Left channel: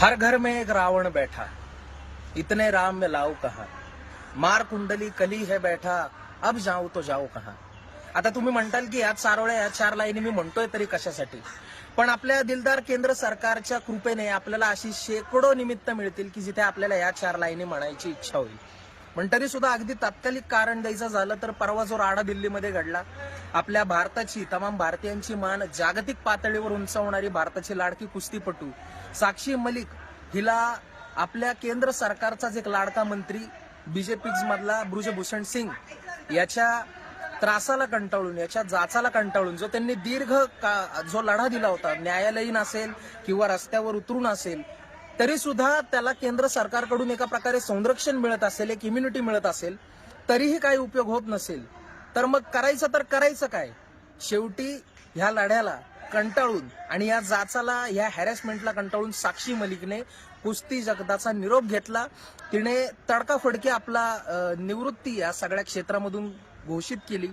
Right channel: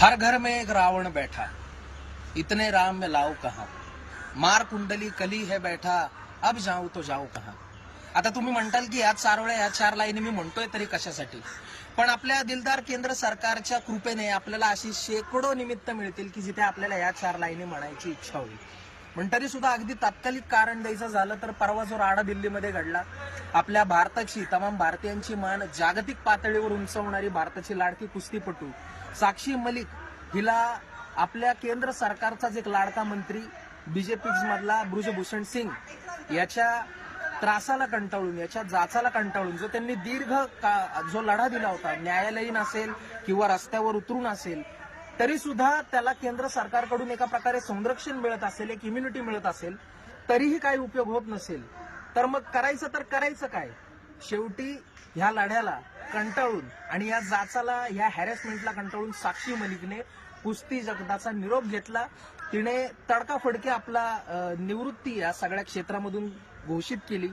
हर घर में एक रावण बैठा, इतने राम में लाऊ कहा, मार कुंडली कली है बैठा, अब जाऊ तो जाऊ कहा. आता तुम्ही म्हणताल की यात सारोळ्या या चार लाईनी मी म्हणतोय तरी कशासाठी. पण आपल्या दिलदार केंद्र सरकारच्या कृपेने आपल्याला अशी शेकडो निमित्त मिळतील की जिथे आपल्याला या चार लाईनी म्हणायची इच्छा होईल. पण तरी सुद्धा अगदी तात्कालिक कारण द्यायचं झालं तर परवा जो राडा दिल्लीमध्ये घडला, आपल्या भारताची तमाम भारतीयांची मान जागतिक पातळीवर उंचावणारी भारताची लाडकी कुस्तीपटू साक्षी मलिक हिला आपल्या केंद्र सरकारचाच एक लाडका मंत्री बीजेपी मधला ब्रुजभूषण सिंग याच्या त्रासाला कंटाळून, याच्या जाचाला कंटाळून जो त्यांनी जो लढा दिला होता, न्यायालयीन असेल किंवा रस्त्यावर उतरून असेल, तरी सुद्धा त्याला केंद्र सरकारकडून एका प्रकारे संरक्षण मिळत असेल, एक इम्युनिटी मिळत असेल, तरीही काही उपयोग होत नसेल तर मग करायचं काय. शेवटी ह्या लढ्याला कंटाळून आणि या जाचाला, या हॅरेसमेंटला कंटाळून साक्षी मलिकने कुस्ती जगताचा निरोप घेतला. तिने तडकाफडकी आपला निवृत्ती या सगळ्या क्षेत्रामधून घोषित केली.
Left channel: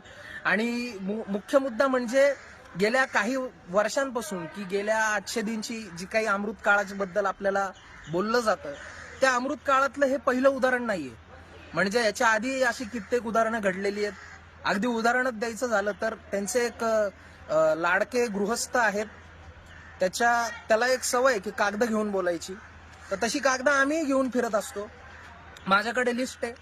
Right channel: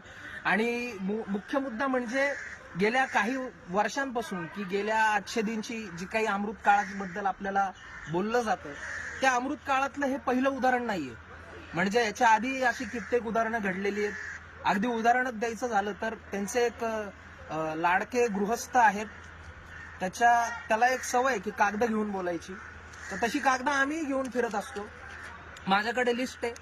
आणि मुख्य मुद्दा म्हणजे गेल्या काही वर्षांपासून की गेल्या 800 दिनची जी काही अमृत काळाबद्दल आपल्याला बोललं जातं, त्या अमृत काळातलं हे पहिलं उदाहरण नाहीये. म्हणजे याच्या आधी अशी कित्येक उदाहरणं घडलेली आहेत. अगदी उदाहरणच द्यायचं झालं तर त्यांचे एक लाडके गृहस्थ आहेत, त्याला एक सवय की कागद घेऊन बोलायची. तर तशी कागद आम्ही घेऊन फिरत असतो. माझ्याकडे लिस्ट आहे.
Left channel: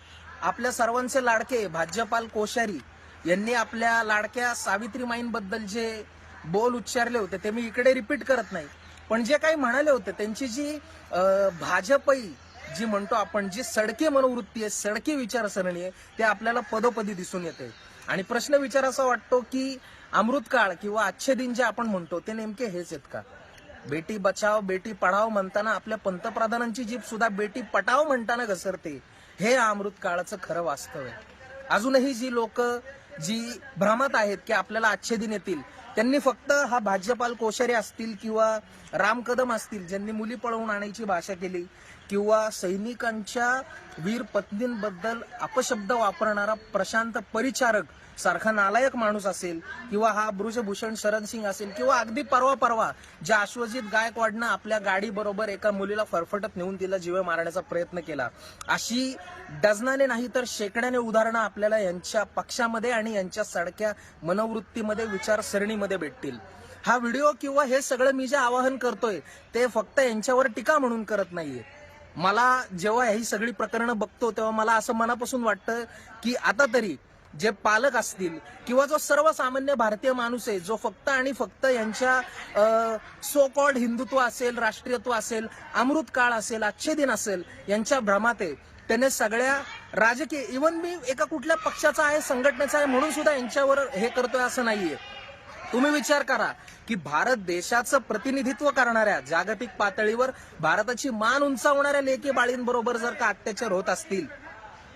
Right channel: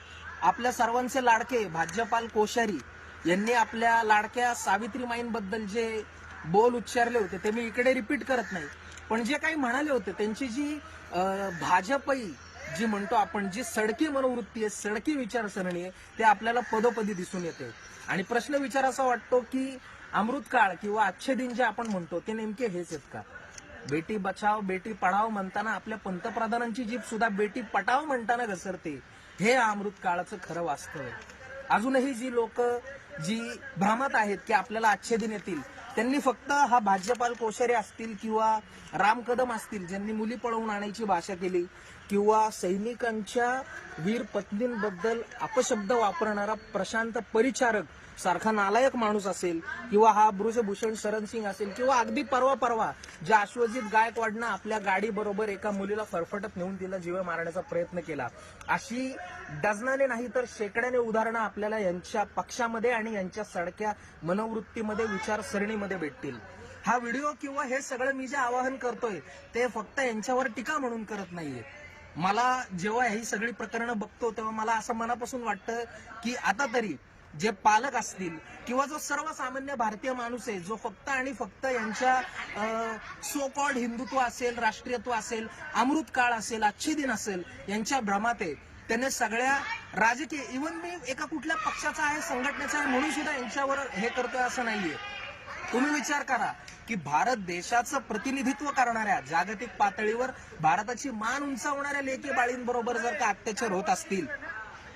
आपल्या सर्वांचे लाडके भाज्यपाल कोश्यारी यांनी आपल्या लाडक्या सावित्रीमाईंबद्दल जे बोल उच्चारले होते ते मी इकडे रिपीट करत नाही, पण जे काही म्हणाले होते त्यांची जी भाजपई जी म्हणतो आपण, जी सडकी मनोवृत्ती आहे, सडकी विचारसरणी आहे, ते आपल्याला पदोपदी दिसून येते. आणि प्रश्न विचारायचा वाटतो की अमृतकाळ किंवा अच्छे दिन जे आपण म्हणतो ते नेमके हेच आहेत का. बेटी बचाव बेटी पढाव म्हणताना आपल्या पंतप्रधानांची जीभ सुद्धा बेटी पटाव म्हणताना घसरते. हे अमृत काळाचं खरं वास्तव आहे. अजूनही जी लोक जी भ्रमात आहेत की आपल्याला अच्छे दिन येतील, त्यांनी फक्त हा भाज्यपाल कोश्यारी असतील किंवा राम कदम असतील ज्यांनी मुली पळवून आणायची भाषा केली, किंवा सैनिकांच्या वीर पत्नींबद्दल अपशब्द वापरणारा प्रशांत परिचारक सारखा नालायक माणूस असेल, किंवा हा ब्रुजभूषण शरण सिंग असेल, किंवा अगदी परवा ज्या अश्वजित गायकवाडनं आपल्या गाडी बरोबर एका मुलीला फरफटत नेऊन तिला जीवे मारण्याचा प्रयत्न केला, अशी डझनाने नाही तर शेकड्याने उदाहरणं आपल्याला यांच्या पक्षामध्ये आणि यांच्या सडक्या मनोवृत्तीमध्ये, विचारसरणीमध्ये भेटतील. हा व्हिडिओ किंवा हे सगळं मी जे आवाहन करतोय ते फक्त यांच्यावर टीका म्हणून करत नाहीये. मला जेव्हा ही सगळी प्रकरणं बघतो तेव्हा मला असं मनापासून वाटतं की आता तरी जे पालक असतील किंवा जो सर्वसामान्य भारतीय माणूस आहे, जो फक्त आणि फक्त यांच्या सो कॉल्ड हिंदुत्व असेल, राष्ट्रीयत्व असेल, अमृत काळ असेल, अच्छे दिन असेल, यांच्या भ्रमात आहे, त्याने सगळ्या राजकीय, इव्हन मी एका कुठल्या पक्षाचा आहे, संघटनेचा आहे म्हणून सुद्धा यांच्यावर हे करतोय असं नाहीये. तुम्ही विचार करा की भारत देशाचं प्रतिनिधित्व करणाऱ्या, जागतिक पातळीवर भारताची मान उंचावणाऱ्या लेकी बाळींबरोबर जर का अत्याचार होत असतील,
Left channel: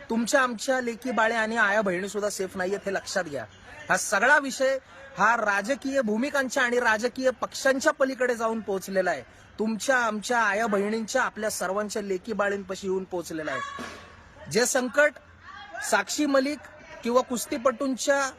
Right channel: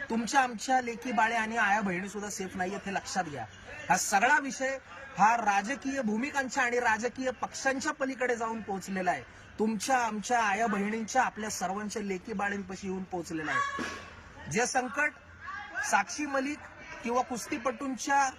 तुमच्या आमच्या लेकी बाळे आणि आया बहिणी सुद्धा सेफ नाहीयेत हे लक्षात घ्या. हा सगळा विषय हा राजकीय भूमिकांच्या आणि राजकीय पक्षांच्या पलीकडे जाऊन पोहोचलेला आहे. तुमच्या आमच्या आया बहिणींच्या, आपल्या सर्वांच्या लेकी बाळींपाशी येऊन पोहोचलेला आहे. जे संकट साक्षी मलिक किंवा कुस्तीपटूंच्या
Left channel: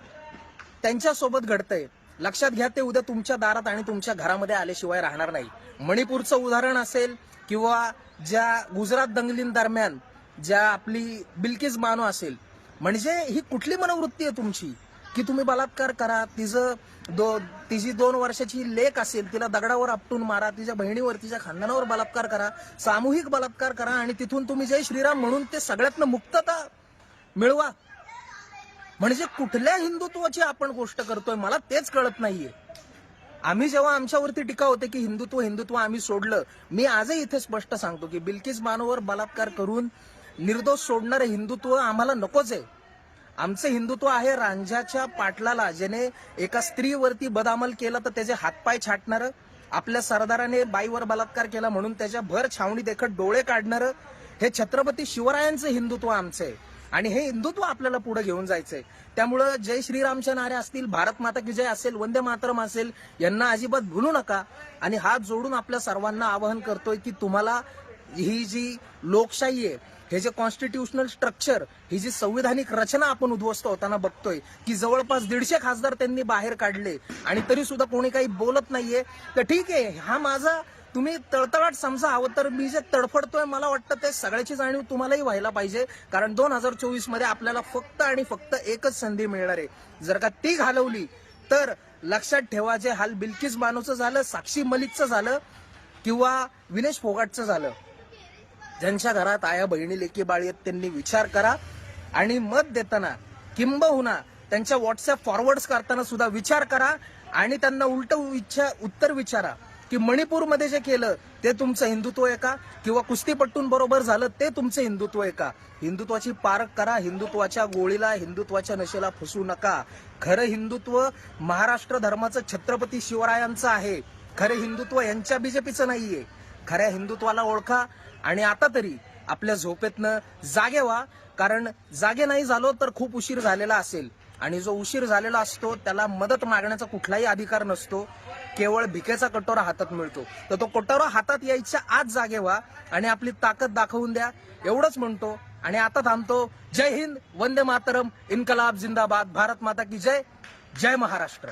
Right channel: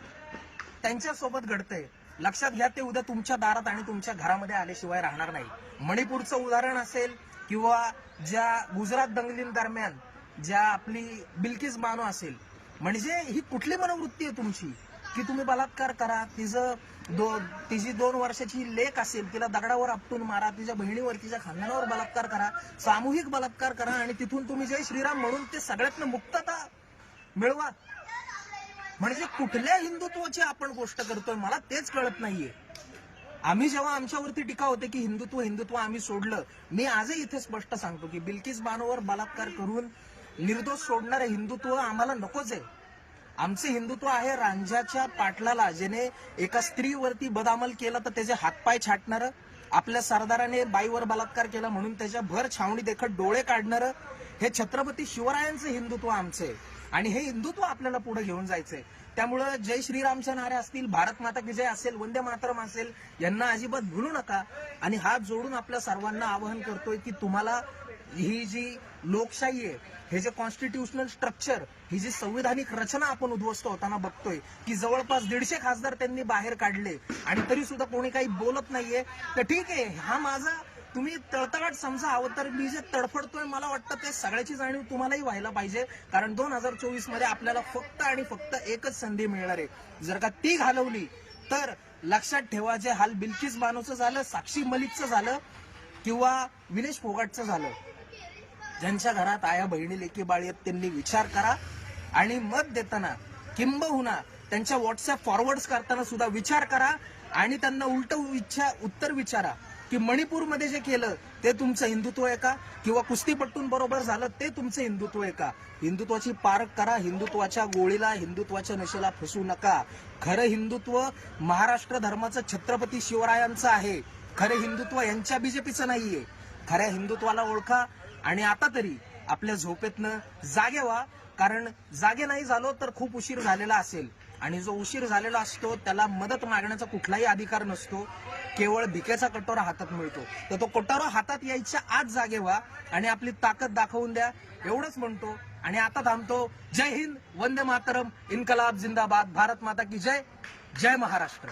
त्यांच्यासोबत घडतंय, लक्षात घ्या ते उद्या तुमच्या दारात आणि तुमच्या घरामध्ये आल्याशिवाय राहणार नाही. मणिपूरचं उदाहरण असेल किंवा ज्या गुजरात दंगलींदरम्यान ज्या आपली बिल्किस बानो असेल, म्हणजे ही कुठली मनोवृत्ती आहे तुमची की तुम्ही बलात्कार करा, तिची 2 वर्षाची लेक असेल तिला दगडावर आपटून मारा, तिच्या बहिणीवर, तिच्या खानदानावर बलात्कार करा, सामूहिक बलात्कार करा आणि तिथून तुम्ही जय श्रीराम म्हणून ते सगळ्यातनं मुक्तता मिळवा. म्हणजे कुठल्या हिंदुत्वाची आपण गोष्ट करतोय मला तेच कळत नाहीये. आम्ही जेव्हा आमच्यावरती टीका होते की हिंदुत्व आम्ही सोडलं, मी आजही इथे स्पष्ट सांगतो की बिल्किस बानोवर बलात्कार करून निर्दोष सोडणारं हिंदुत्व आम्हाला नकोच आहे. आमचं हिंदुत्व आहे रांझ्याच्या पाटलाला, ज्याने एका स्त्रीवरती बदअमल केला तर त्याचे हातपाय छाटणारं, आपल्या सरदाराने बाईवर बलात्कार केला म्हणून त्याच्या भर छावणी देखत डोळे काढणारं, हे छत्रपती शिवरायांचं हिंदुत्व आमचं आहे. आणि हे हिंदुत्व आपल्याला पुढे घेऊन जायचंय. त्यामुळं जय श्रीरामच्या नारे असतील, भारत माता की जय असेल, वंदे मातरम असेल, यांना अजिबात भुलू नका. आणि हात जोडून आपल्या सर्वांना आवाहन करतोय की तुम्हाला ही जी लोकशाही आहे, हे जे कॉन्स्टिट्यूशनल स्ट्रक्चर, ही जी संविधानिक रचना आपण उद्ध्वस्त होताना बघतोय की जवळपास 150 खासदार त्यांनी बाहेर काढले आणि तरी सुद्धा कोणी काही बोलत नाहीये, तर ठीक आहे, हा माझा तुम्ही तळतळाट समजा हवं तर मी जे तडफडतोय मला वाटतं ते सगळ्याची जाणीव तुम्हालाही व्हायला पाहिजे. कारण 2024 मध्ये आपल्याला फक्त आणि फक्त एकच संधी मिळणार आहे. जर का ती घालवली तर लक्षात ठेवा, जे हाल बिल्किस बानोचं झालं, साक्षी मलिकचं झालं किंवा विनेश फोगाटचं झालं, ज्यांच्या घरात आया बहिणी लेकी बाळी आहेत त्यांनी विचार करा आणि मत देताना किंबहुना त्यांच्या व्हॉट्सअप फॉरवर्ड्स करताना सुद्धा विचार करा आणि त्यांना उत्तर विचारा की मणिपूरमध्ये जे केलं ते तुमचं हिंदुत्व आहे का, किंवा कुस्तीपट्टूंबरोबर झालं ते तुमचं हिंदुत्व आहे का. हिंदुत्वाची पारख करा. हिंदुत्वाच्या गोळीला, हिंदुत्वाच्या नशेला फसू नका. खरं हिंदुत्व महाराष्ट्र धर्माचं छत्रपती शिवरायांचं आहे. खरं हिंदुत्व यांच्या बीजेपीचं नाहीये. खऱ्या हिंदुत्वाला ओळखा आणि आता तरी आपल्या झोपेतनं जागे व्हा. कारण जागे नाही झालो तर खूप उशीर झालेला असेल आणि जो उशीर झालेला असतो त्याला मदत मागण्याचा कुठलाही अधिकार नसतो. केवळ भिकेचा कटोरा हातात मिळतो. तर तो कटोरा हातात यायच्या आज जागे व्हा आणि आपली ताकद दाखवून द्या. एवढंच म्हणतो आणि आता थांबतो. जय हिंद, वंदे मातरम, इन्कलाब जिंदाबाद, भारत माता की जय, जय महाराष्ट्र.